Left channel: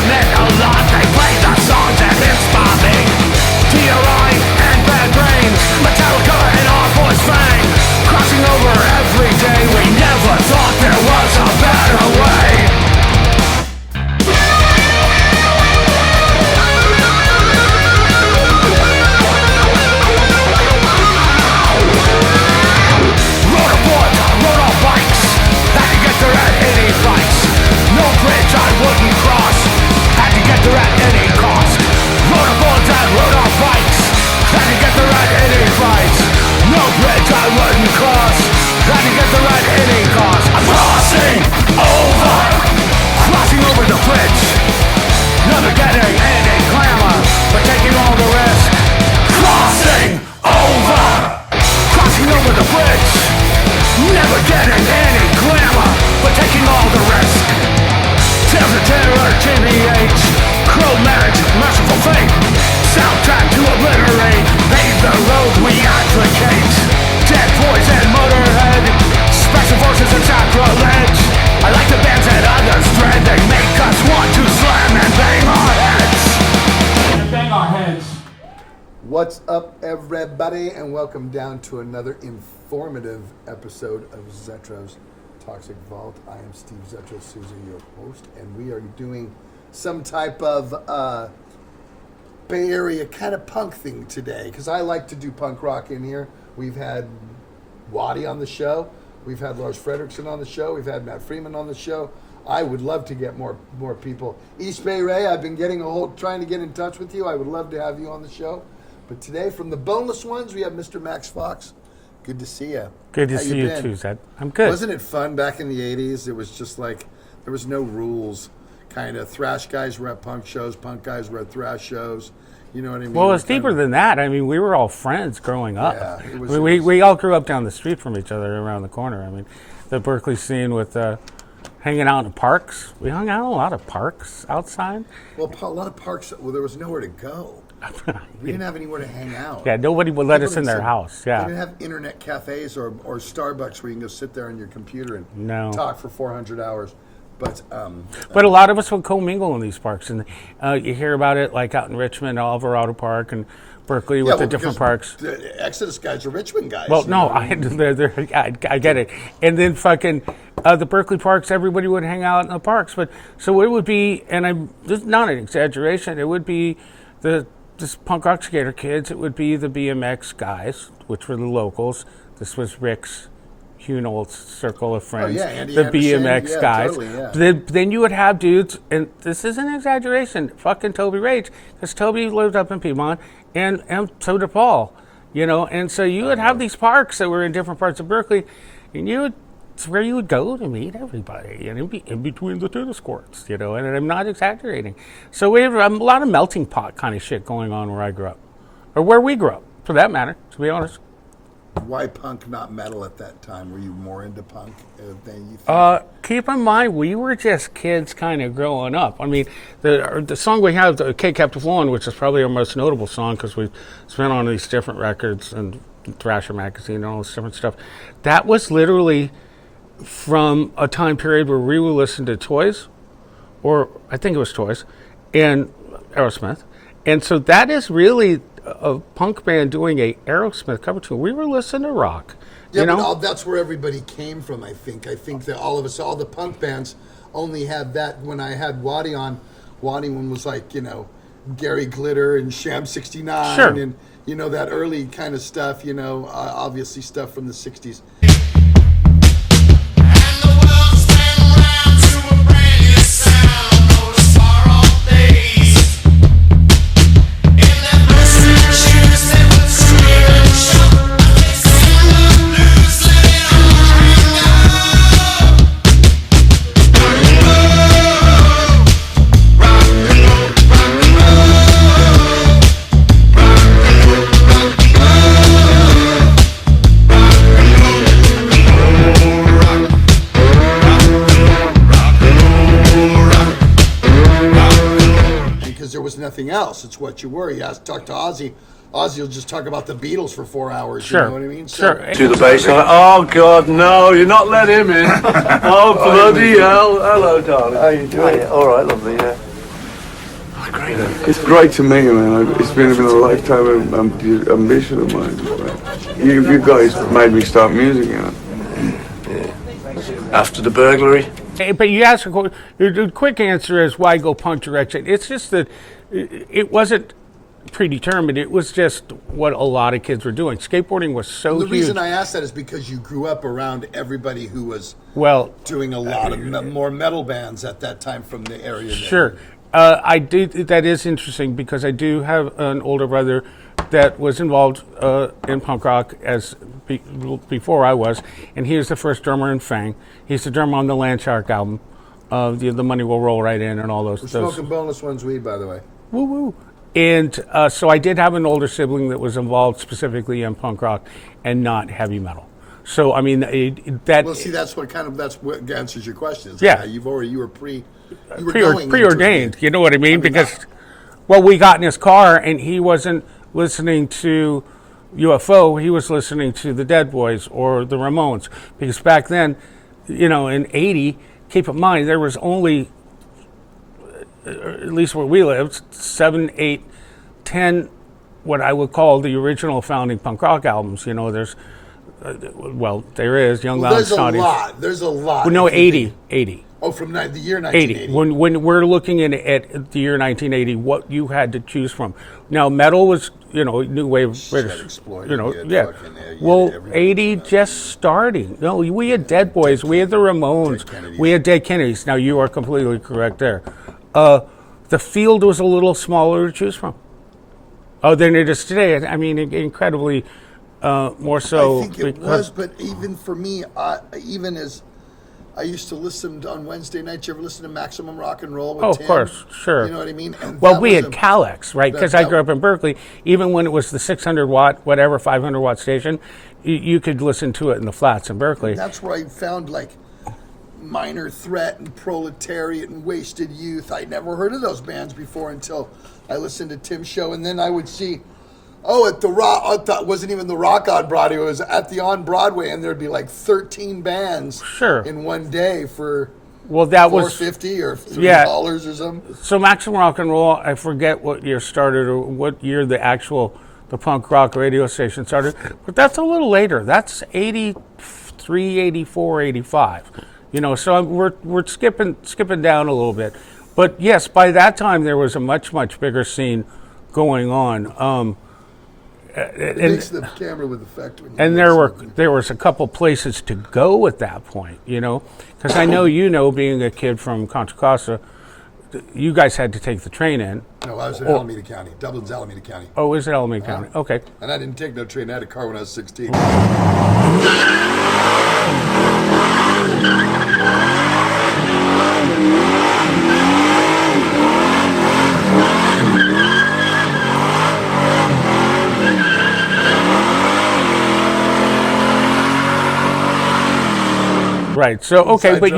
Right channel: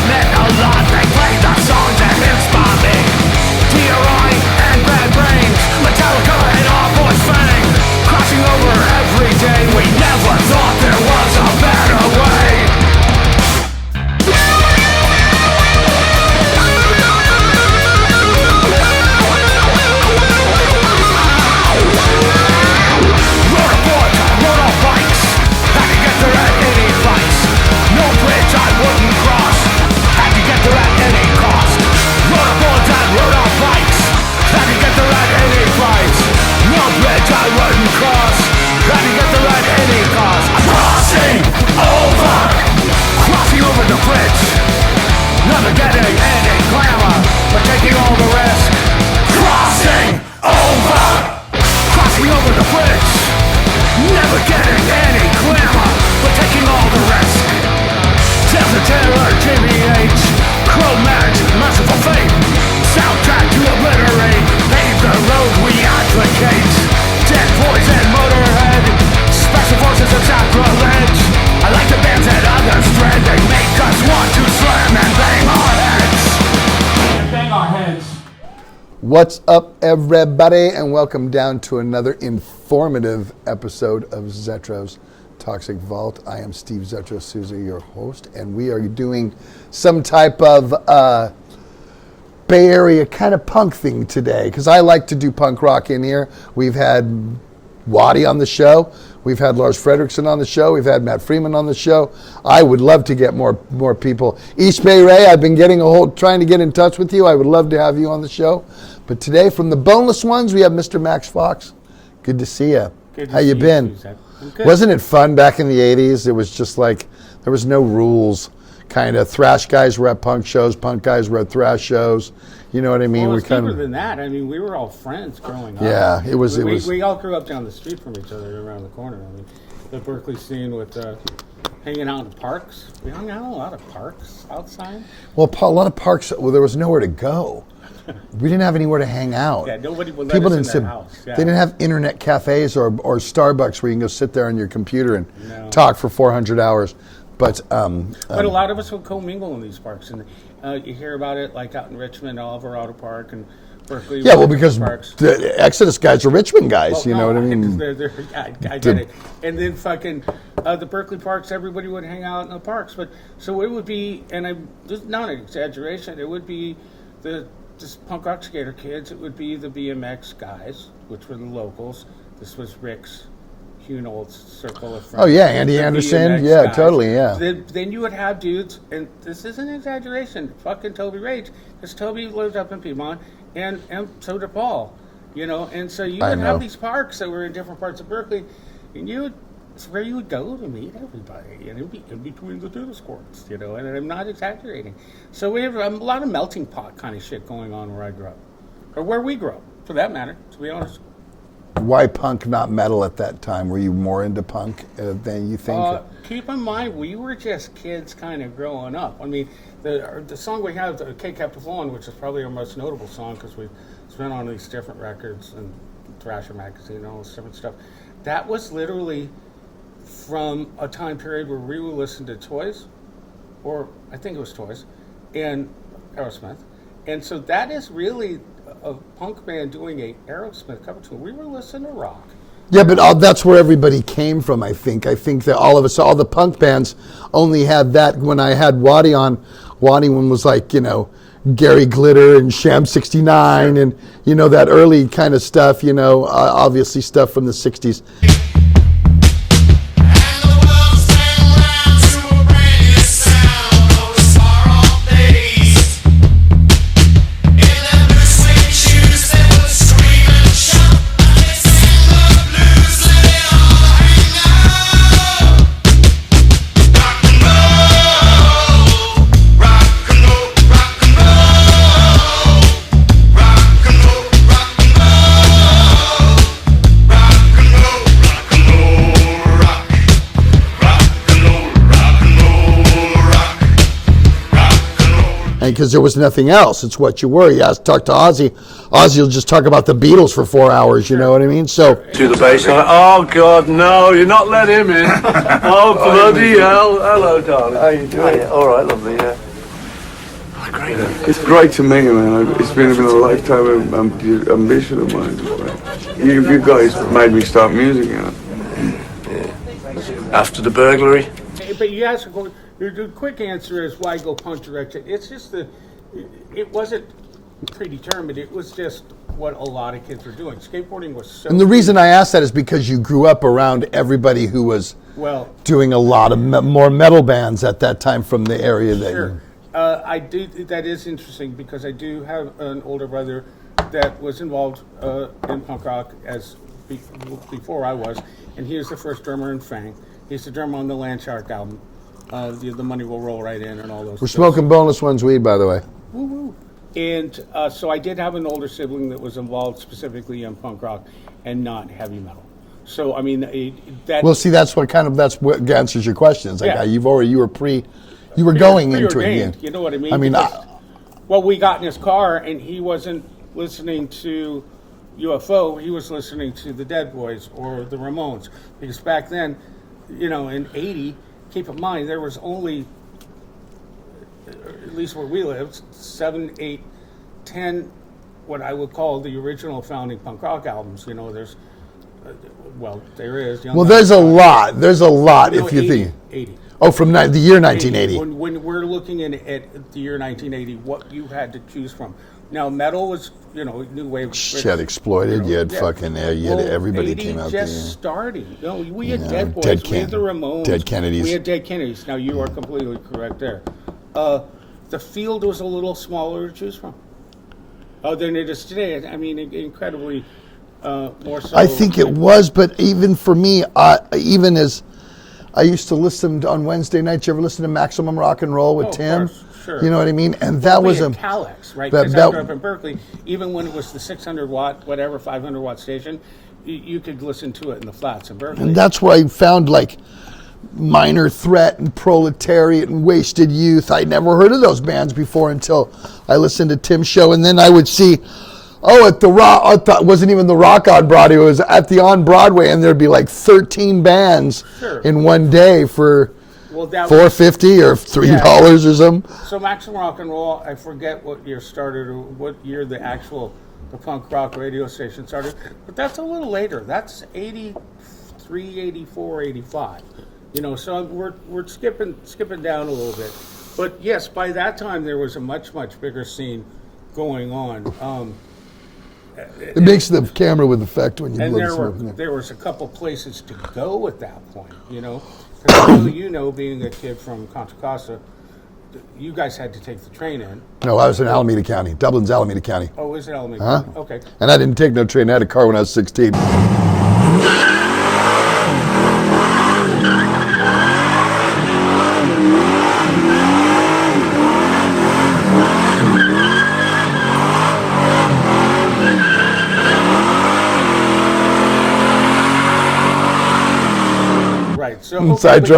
that meant a lot. They played the songs that inspire me. TRI and Bad Brains, Metallica and Our Voice Fang. Crossing over every day, we never thought there was a better way. Rode aboard, rode on bikes, had to get there at any price. No bridge I wouldn't cross, had to get there at any cost. Rode aboard and rode on bikes, had to get there at any price. No bridge I wouldn't cross, had to get there at any cost. I'm crossing over the bridge. Never getting any glamour, but taking all the risk. Crossing over the bridge. Never getting any glamour, but taking all the risk. Tales of Terror, GBH, Cro-Mags, Merciful Fate. Soundtrack to obliterate, pave the road we advocate. Dead Boys and Motorhead, Special Forces and Sacrilege. I like the bands that others dread, they make us want to slam and bang our heads. Bang our heads. What's up, everybody, and welcome down to another informative episode of Zetro's Toxic Vault. I am Steve Zetro Souza, your host, and we are doing some type of Bay Area kind of punk thing today, because I like to do punk rock in here. We've had Waddy on the show. We've had Lars Fredrickson on the show. We've had Matt Freeman on the show. I would love to get more people. East Bay Ray, I've been trying to get in touch with you. I would love to have you on the show. But today, from the Boneless Ones, we have Mr. Max Fox. Good to see you. Good to see you. How you been? Too, Zed. I'm good. Wasn't it fun back in the 80s? It was just like, there was no rules. Kind of thrash guys were at punk shows, punk guys were at thrash shows. You know what I mean? Well, it was deeper than that. I mean, we were all friends growing up. Yeah, it was. We all grew up down the street from each other around the corner. I mean, the Berkeley scene with hanging out in parks. We hung out in a lot of parks outside. Well, a lot of parks, well, there was nowhere to go. We didn't have anywhere to hang out. Yeah, nobody would let us in their house. Yeah. They didn't have internet cafes or Starbucks where you can go sit there on your computer and talk for 400 hours. But a lot of us would commingle in these parks, and you hear about it like out in Richmond, Alvarado Park, and Berkeley. Yeah, well, because parks. The Exodus guys are Richmond guys. Well, you know what I mean? I get it. And then fucking the Berkeley parks, everybody would hang out in the parks. But so it would be, and this is not an exaggeration. It would be this punk rock skater kids. It would be the BMX guys, which were the locals. This was Rick's Hunold's circle of friends. Oh yeah, Andy Anderson. BMX yeah, guys. Totally. Yeah. Then you would have dudes, and this isn't an exaggeration. Fucking Toby Rage, because Toby lived up in Piedmont, and so did Paul. You know, and so you would have these parks that were in different parts of Berkeley, and it's where you would go to meet everybody, and in between the tennis courts. You know, and I'm not exaggerating. So we have a lot of melting pot kind of shit going on where I grew up, or where we grew up, for that matter. To be honest. Why punk, not metal at that time? Were you more into punk than you think? Keep in mind, we were just kids kind of growing up. I mean, the song we have, the K Kept Flowing, which is probably our most notable song because we've been on these different records and Thrasher magazine and all this different stuff. That was literally from a time period where we would listen to Toys, or I think it was Toys, and Aerosmith. And so that is really a punk band doing a Aerosmith cover tune. We were listening to rock. Yeah, but that's where everybody came from, I think. I think that all the punk bands only had that. When I had Waddy on, Waddy one was like, you know, Gary Glitter and Sham 69 and, you know, that early kind of stuff, you know, obviously stuff from the 60s. Because there was nothing else. It's what you were. You talk to Ozzy. Ozzy will just talk about the Beatles for 4 hours. You know what I mean? So to the bass, like, oh God, no, you're not let him in. Oh bloody hell! Hello, darling. How you doing? All right, lovely. Yeah. great. It's great to meet you, man. It's been a lifetime ambition of mine. You guys made me start music, you know. After the burglary, But you asked the quick answer is why go punk direction? It's just that it wasn't predetermined. It was just what a lot of kids were doing. Skateboarding was so. And the reason huge. I asked that is because you grew up around everybody who was doing a lot of more metal bands at that time from the area. Sure. I do. That is interesting because I do have an older brother that was involved in punk rock before I was, and he was the first drummer in Fang. He's the drummer on the Landshark album. The Money Will Roll Right In and all those. We're smoking Boneless Ones weed, by the way. Woo woo. And so I did have an older sibling that was involved specifically in punk rock and not heavy metal. So I mean that. Well, see, that's what answers your questions. Yeah, you were going preordained. You know what I mean? Because we got in his car and he wasn't listening to UFO. He was listening to the Dead Boys or the Ramones. Because back then, in '80, keep in mind there was only, at least where we lived, 7, 8, 10, what I would call the original founding punk rock albums. There's, there is. Young there's a lot. There's a lot. No, 80. Oh, from the year 1980. When we're looking at the year 1980, what you had to choose from. Now, metal was, new wave. Shit, Exploited. You had fucking everybody. 80 just starting. No, we had Dead Boys. We had the Ramones. Dead Kennedys. We had Dead Kennedys. Now, you are completely correct there. The field was a little smaller to choose from. Than it is today. I mean, incredibly more so. I think it was, but even for me, even as I used to listen on Wednesday nights, you ever listen to Maximum Rock and Roll with Tim? Of course, sure. You know what I mean? And we had Calex, right? Because I grew up in Berkeley. Even when it was the 600 watt, 500 watt station, you could listen to it in the flats in Berkeley. And that's where I found Minor Threat and Proletariat and Wasted Youth. I'd never heard of those bands before until I listened to Tim's show, and then I would see, at the Rock, wasn't even the Rock on Broadway, it was at the On Broadway, and there'd be 13 bands in one day for $4.50 or $3 or something. So Maximum Rock and Roll, I forget what year started or what year the punk rock radio station started, but that's a little later. That's 83, 84, 85. So we're skipping down a little bit. But yes, by that time there was a much, much bigger scene going on. It makes the camera with effect when you. And there was a couple places to go at that point, because I know being a kid from Contra Costa, you guys had to take the train in. No, I was in Alameda County. Dublin's Alameda County. Oh, is it Alameda County? Okay. And I didn't take no train. I had a car when I was 16. Right. So okay, but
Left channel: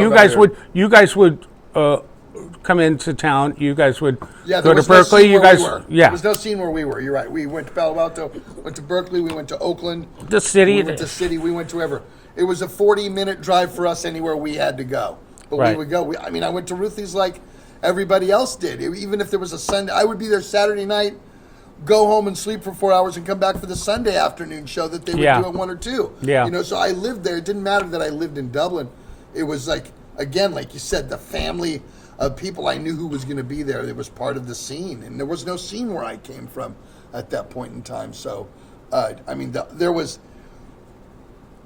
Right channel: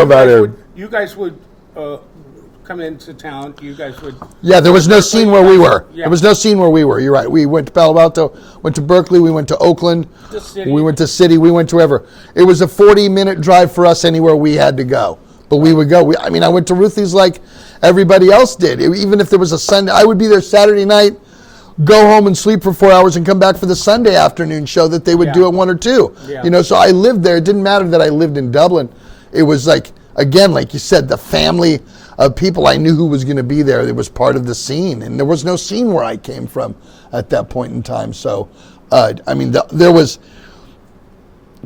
you guys would come into town. You guys would. Yeah, there was no scene where we were. Yeah. There was no scene where we were. You're right. We went to Palo Alto, went to Berkeley, we went to Oakland. The city. We went to city. We went to wherever. It was a 40-minute drive for us anywhere we had to go. But we would go. I went to Ruthie's like everybody else did. Even if there was a Sunday, I would be there Saturday night, go home and sleep for 4 hours and come back for the Sunday afternoon show that they would do at 1 or 2. Yeah. So I lived there. It didn't matter that I lived in Dublin. It was again, like you said, the family of people I knew who was going to be there. It was part of the scene. And there was no scene where I came from at that point in time. So, there was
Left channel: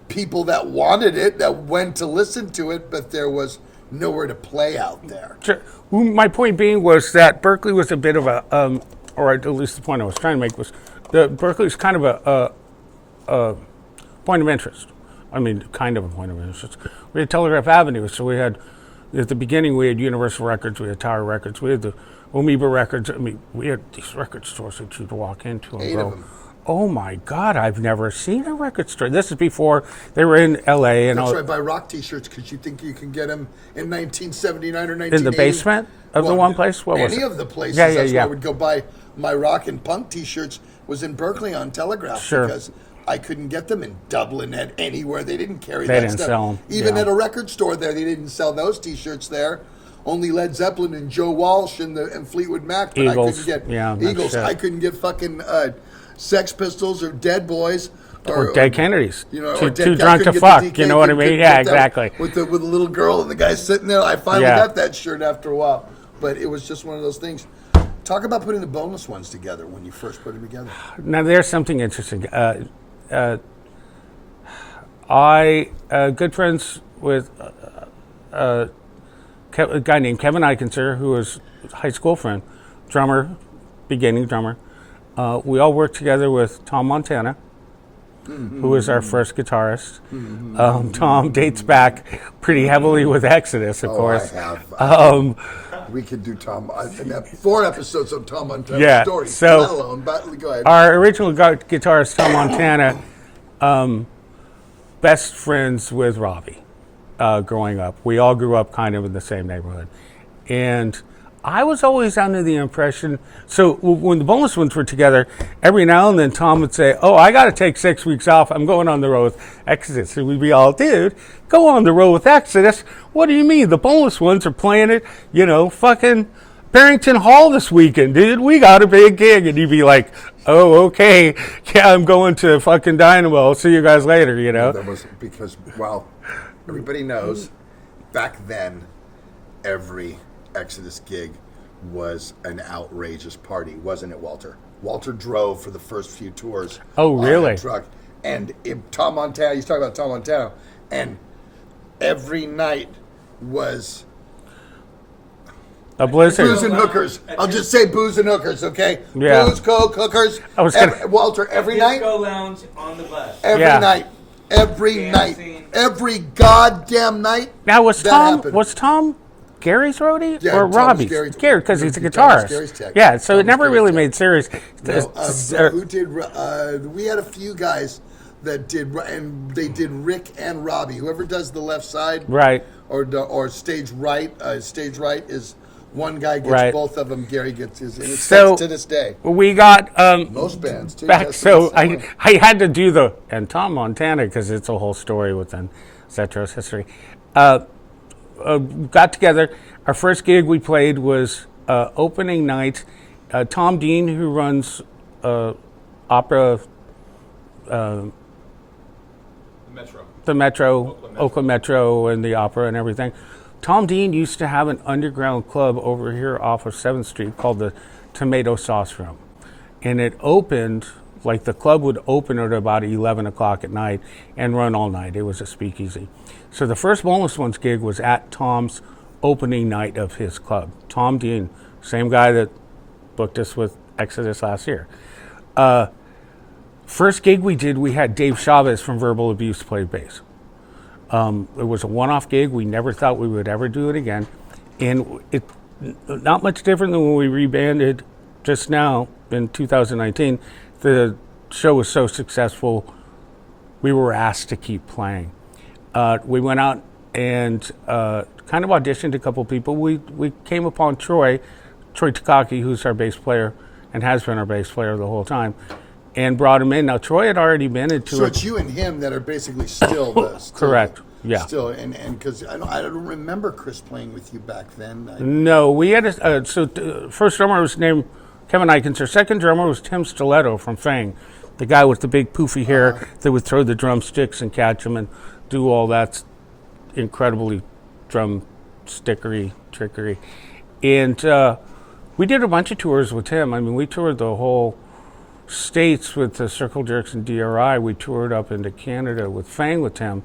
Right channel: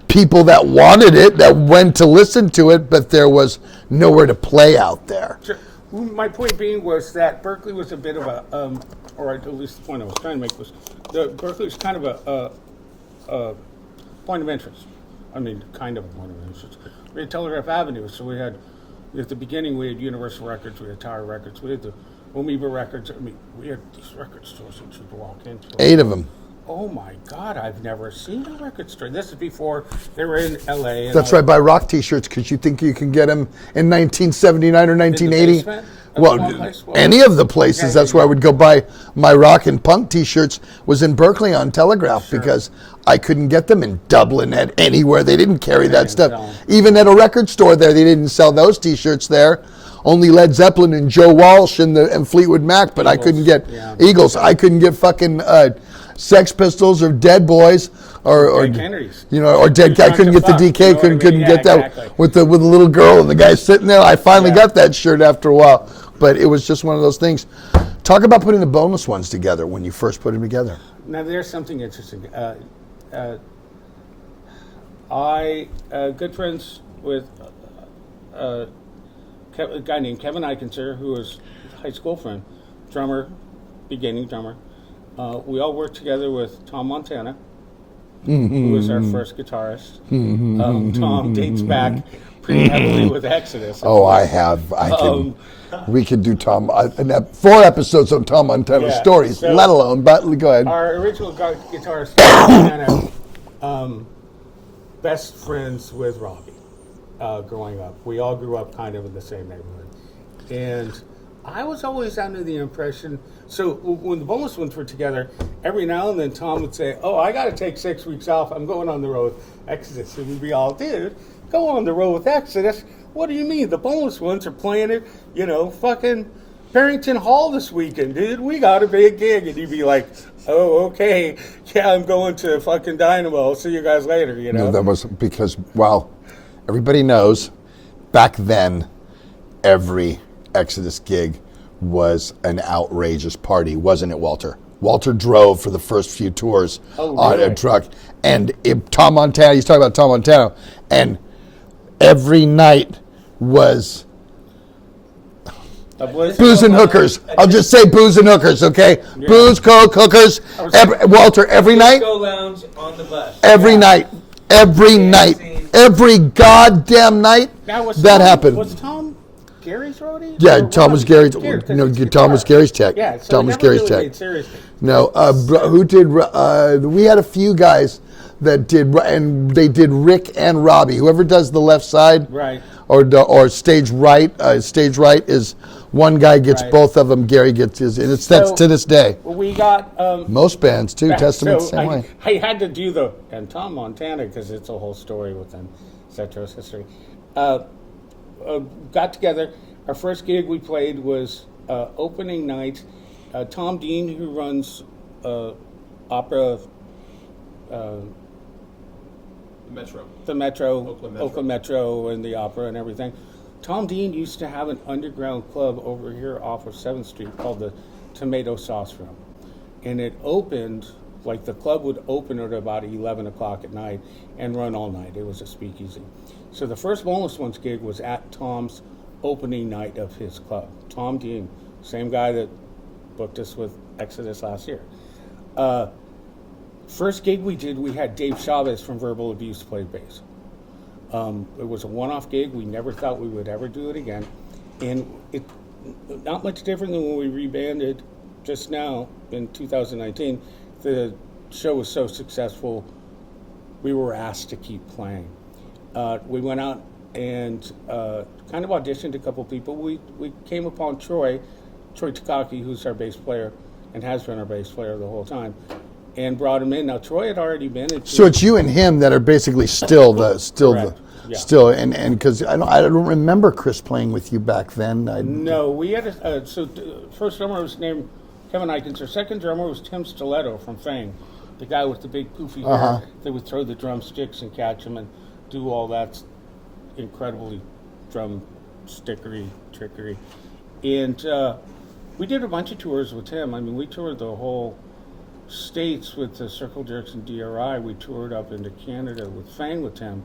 people that wanted it, that went to listen to it, but there was nowhere to play out there. Sure. Well, my point being was that Berkeley was a bit of a, or at least the point I was trying to make was, Berkeley was kind of a point of interest. Kind of a point of interest. We had Telegraph Avenue, so we had, at the beginning, we had Universal Records, we had Tower Records, we had the Amoeba Records. We had these record stores that you'd walk into. 8 of them. Oh my God, I've never seen a record store. This is before they were in LA. That's right, buy rock t-shirts because you think you can get them in 1979 or 1980. In the basement of the one place? Any of the places. That's where I would go buy my rock and punk t-shirts was in Berkeley on Telegraph because I couldn't get them in Dublin at anywhere. They dn't carry that stuff. Even at a record store there, they didn't sell those t-shirts there. only Led Zeppelin and Joe Walsh and Fleetwood Mac, but Eagles. I couldn't get Yeah, Eagles. sure. I couldn't get fucking Sex Pistols or Dead Boys or Dead Kennedys. You know, or Too Dead. I drunk couldn't to get fuck, the DK. you know what I mean? Couldn't Yeah, get that exactly. with the little girl and the guy sitting there. I finally Yeah. got that shirt after a while, but it was just one of those things. Talk about putting the Boneless Ones together when you first put them together. Now, there's something interesting. I good friends with a guy named Kevin Eikenser, who was a high school friend, drummer, beginning drummer. We all worked together with Tom Montana, who was our first guitarist. Tom dates back pretty heavily with Exodus. Of course. I have. We could do Tom. 4 episodes on Tom Montana Yeah, stories, so- let alone. But go ahead. Our original guitarist, Tom Montana, best friends with Robbie growing up. We all grew up kind of in the same neighborhood. And I was always under the impression, so when the Boneless Ones were together, every now and then Tom would say, oh, I got to take 6 weeks off. I'm going on the road with Exodus. And we'd be all, dude, go on the road with Exodus. What do you mean? The Boneless Ones are playing it, fucking Barrington Hall this weekend, dude. We got a big gig. And you'd be like, oh, okay. Yeah, I'm going to fucking Dynamo. I'll see you guys later, That was because, well, everybody knows back then every Exodus gig was an outrageous party, wasn't it, Walter? Walter drove for the first few tours Oh, on really? a truck. And Tom Montana, he's talking about Tom Montana, and every night was A blizzard. booze and hookers. I'll just say booze and hookers, okay? Yeah. Booze, coke, hookers. I was Walter, every night? Disco lounge on the bus. Every Yeah. night. Every night. Every goddamn night. Now, was that Tom, happened. Was Tom Gary's roadie? Yeah, or Tom was Robbie's? Gary's- Gary, because he's a guitarist. Tom was Gary's tech. Yeah, so Tom it was never Gary's really tech. made serious. No, Just- who did? We had a few guys that did, and they did Rick and Robbie. Whoever does the left side, Right. or stage right. Stage right is one guy gets Right. both of them. Gary gets his, and it's So- that's to this day. We got Most bands too. back, Testament so same way. I had to do and Tom Montana, because it's a whole story within Zetro's history. Got together. Our first gig we played was opening night. Tom Dean, who runs opera, the Metro, Oakland Metro, and the opera and everything. Tom Dean used to have an underground club over here off of 7th Street called the Tomato Sauce Room. And it opened, like the club would open at about 11 o'clock at night and run all night. It was a speakeasy. So the first Boneless Ones gig was at Tom's opening night of his club. Tom Dean, same guy that booked us with Exodus last year. First gig we did, we had Dave Chavez from Verbal Abuse play bass. It was a one-off gig. We never thought we would ever do it again. And it not much different than when we rebanded just now in 2019. The show was so successful, we were asked to keep playing. We went out and kind of auditioned a couple people. We came upon Troy Takaki, who's our bass player and has been our bass player the whole time, and brought him in. Now, Troy had already been into So it's you and him that are basically still Correct. Yeah. still, and because I don't remember Chris playing with you back then. No, we had first drummer was named Kevin Eikenser. Second drummer was Tim Stiletto from Fang, the guy with the big poofy hair that would throw the drumsticks and catch them and do all that incredibly drumstickery trickery. And we did a bunch of tours with him. I mean, we toured the whole States with the Circle Jerks and DRI. We toured up into Canada with Fang with Tim.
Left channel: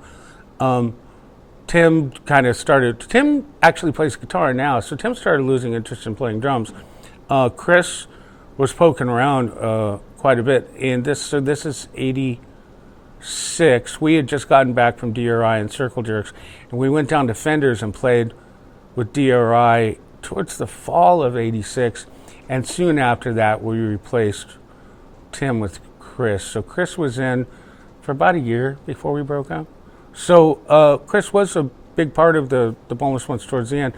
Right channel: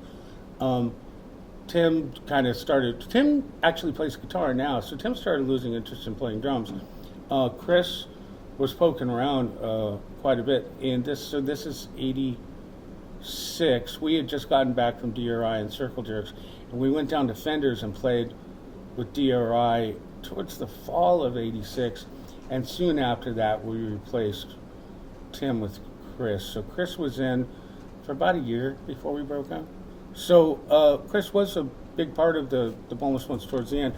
Tim actually plays guitar now, so Tim started losing interest in playing drums. Chris was poking around quite a bit, and this is 86. We had just gotten back from DRI and Circle Jerks, and we went down to Fender's and played with DRI towards the fall of 86, and soon after that we replaced Tim with Chris. So Chris was in for about a year before we broke up. So Chris was a big part of the Boneless Ones towards the end.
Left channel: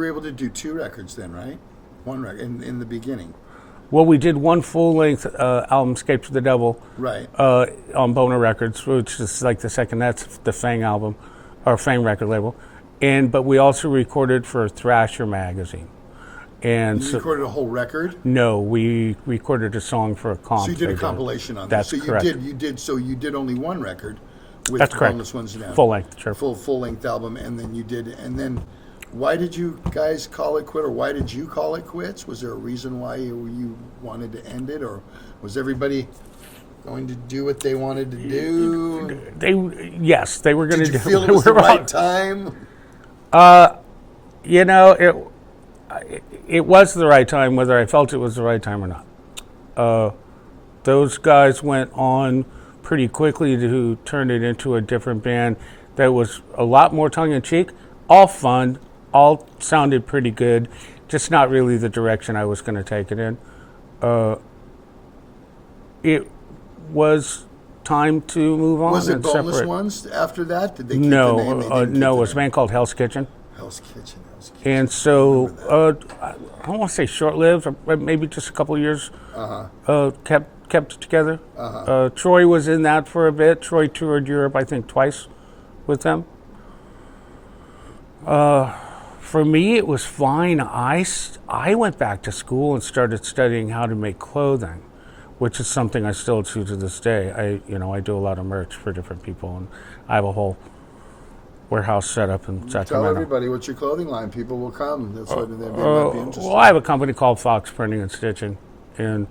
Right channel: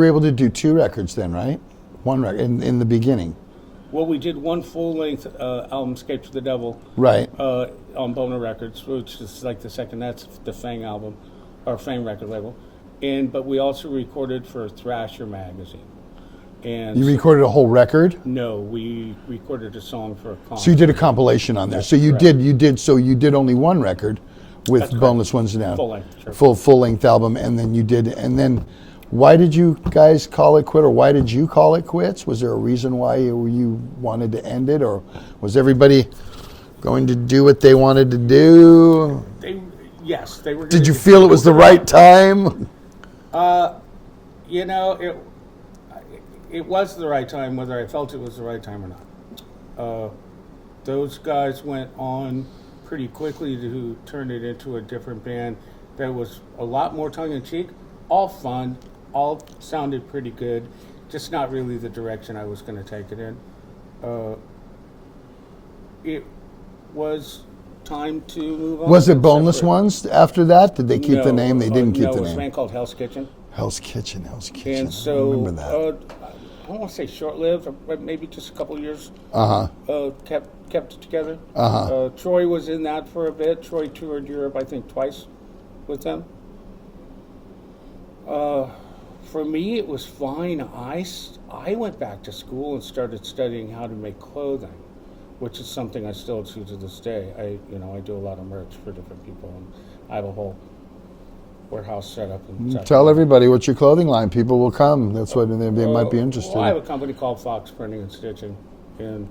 were able to do 2 records then, right? 1 record in the beginning. Well, we did one full-length album, "Escape to the Devil," Right. On Boner Records, which is like the second. That's the Fang album, or Fang record label, but we also recorded for Thrasher magazine. And You recorded a whole record? No, we recorded a song for a comp. So you did a compilation on that. That's So you correct. did only 1 record with That's correct. Boneless Ones now. Full length, sure. Full length album, and then why did you guys call it quit, or why did you call it quits? Was there a reason why you wanted to end it, or was everybody going to do what they wanted to do? Yes, they were going to. Did you feel it was the right time? You know, it was the right time, whether I felt it was the right time or not. Those guys went on pretty quickly to turn it into a different band that was a lot more tongue-in-cheek, all fun, all sounded pretty good, just not really the direction I was going to take it in. It was time to move on. Was it and Boneless separate. Ones after that? Did they keep the name? They didn't keep no, the it was a name. band called Hell's Kitchen. Hell's Kitchen. And I remember so, that. I don't want to say short-lived, or maybe just a couple of years. Kept it together. Troy was in that for a bit. Troy toured Europe, I think, twice with them. For me, it was fine. I went back to school and started studying how to make clothing, which is something I still do to this day. I do a lot of merch for different people, and I have a whole warehouse set up in Sacramento. Tell everybody what's your clothing line. People will come. That's what they might be interested Well, I have a company called Fox Printing and Stitching, and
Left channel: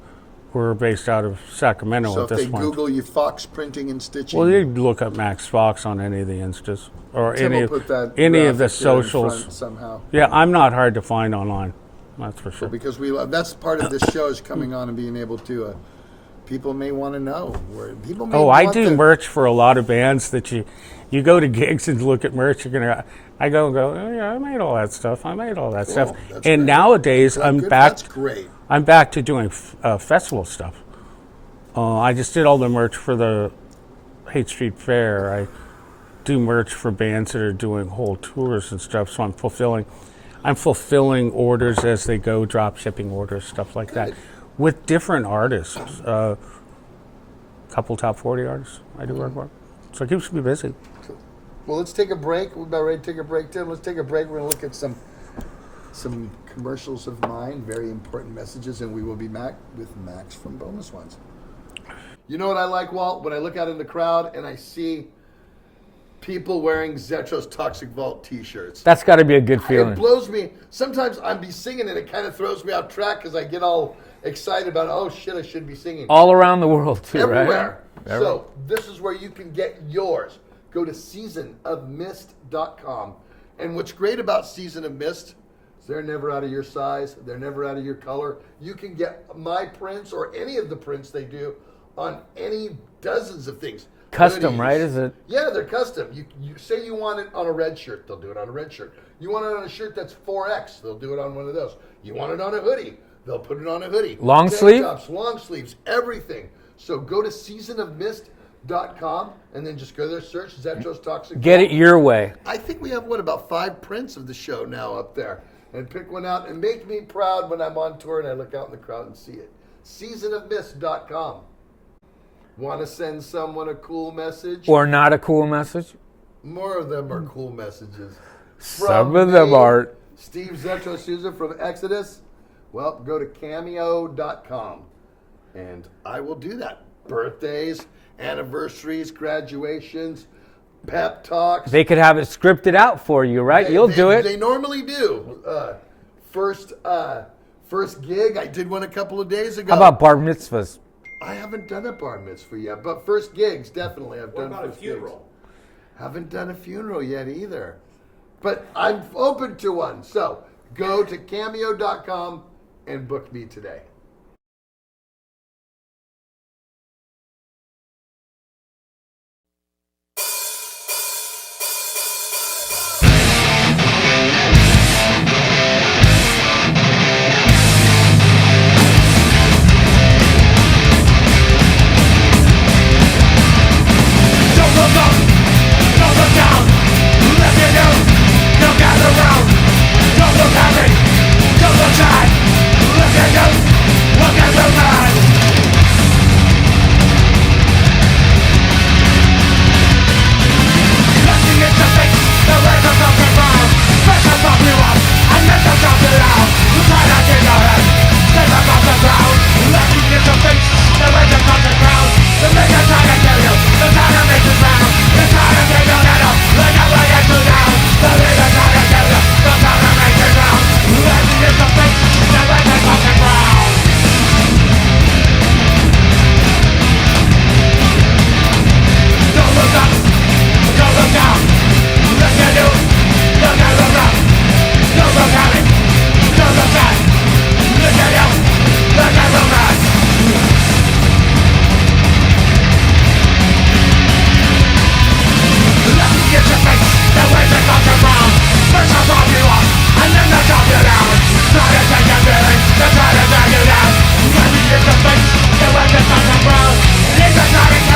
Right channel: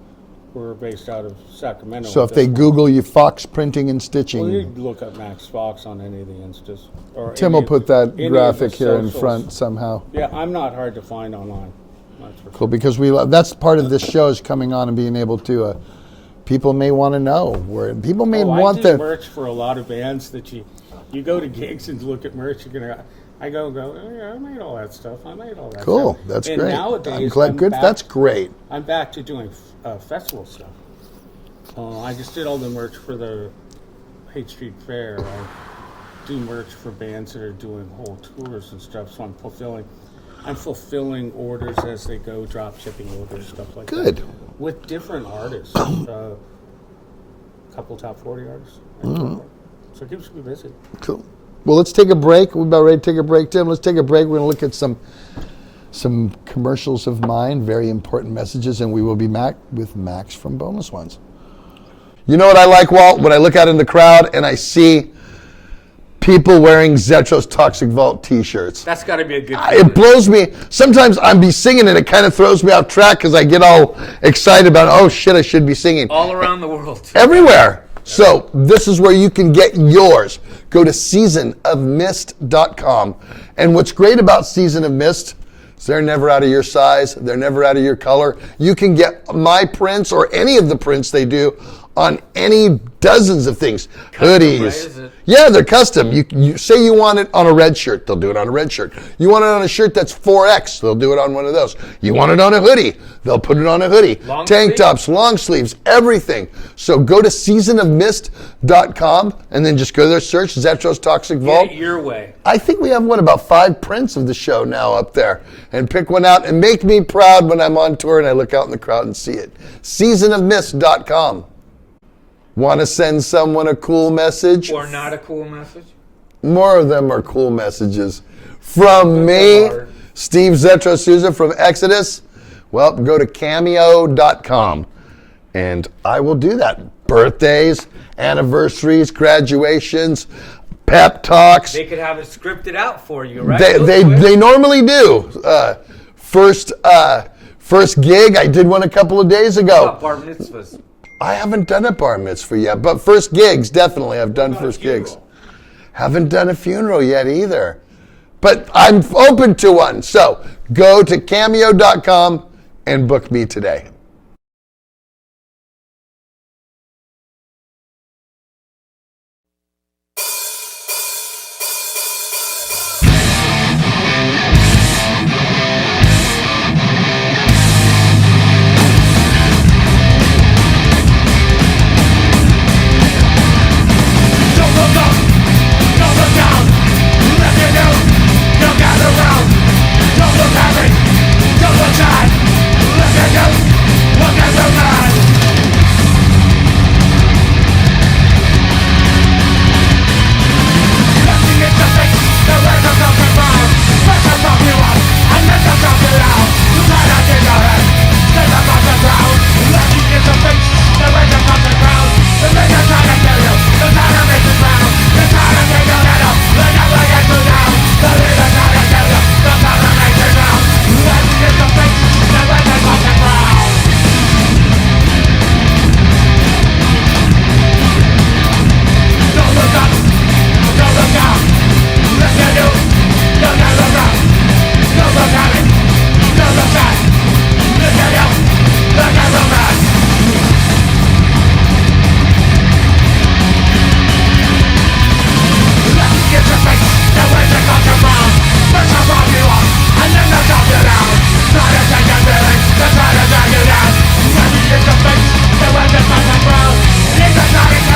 we're based out of Sacramento. So at if they this point. Google you Fox Printing and Stitching, Well, you look up Max Fox on any of the Instas. Or Tim any will put that any of the graphic here in socials. front somehow. Yeah, I'm not hard to find online. That's for sure. Cool, because that's part of this show is coming on and being able to. People may want to know where people may I want do merch for a lot of bands that you go to gigs and look at merch. I go. Oh, yeah, I made all that stuff. Cool, that's and great. nowadays I'm good. back. That's great. I'm back to doing festival stuff. I just did all the merch for the Hate Street Fair. I do merch for bands that are doing whole tours and stuff. So I'm fulfilling orders as they go, drop shipping orders, stuff like Good. that, with different artists. Couple top 40 artists I do work for. So it keeps me busy. Cool. Well, let's take a break. We're about ready to take a break, Tim. Let's take a break. We're going to look at some commercials of mine, very important messages, and we will be back with Max from Boneless Ones. You know what I like, Walt? When I look out in the crowd and I see people wearing Zetro's Toxic Vault t-shirts. That's got to be a good feeling. It blows me. Sometimes I'm be singing and it kind of throws me off track because I get all excited about, oh shit, I should be singing. All around the world, too. Everywhere. So this is where you can get yours. Go to seasonofmist.com. And what's great about Season of Mist is they're never out of your size. They're never out of your color. You can get my prints or any of the prints they do on any dozens of things. Custom, hoodies. right? Is it? Yeah, they're custom. You say you want it on a red shirt, they'll do it on a red shirt. You want it on a shirt that's 4X, they'll do it on one of those. You want it on a hoodie, they'll put it on a hoodie. Long Tank sleeve? tops, long sleeves, everything. So go to seasonofmist.com and then just go there, search Zetro's Toxic Get Vault. it your way. I think we have about 5 prints of the show now up there. And pick one out and make me proud when I'm on tour and I look out in the crowd and see it. Seasonofmist.com. Want to send someone a cool message? Or not a cool message? More of them are cool messages. Some From of me, them are. Steve Zetro Souza from Exodus. Well, go to cameo.com and I will do that. Birthdays, anniversaries, graduations, pep talks. They could have it scripted out for you, right? You'll do it. They normally do. First gig, I did one a couple of days ago. How about bar mitzvahs? I haven't done a bar mitzvah yet, but first gigs, definitely. I've done first gigs. Haven't done a funeral yet either. But I'm open to one. So go to cameo.com and book me today. Don't look up, don't look down. Left you down, don't gather round. Don't look out. Try to take your feelings, they try to drag you down. Maybe it's a fix, the way the thoughts are brown. It's a trying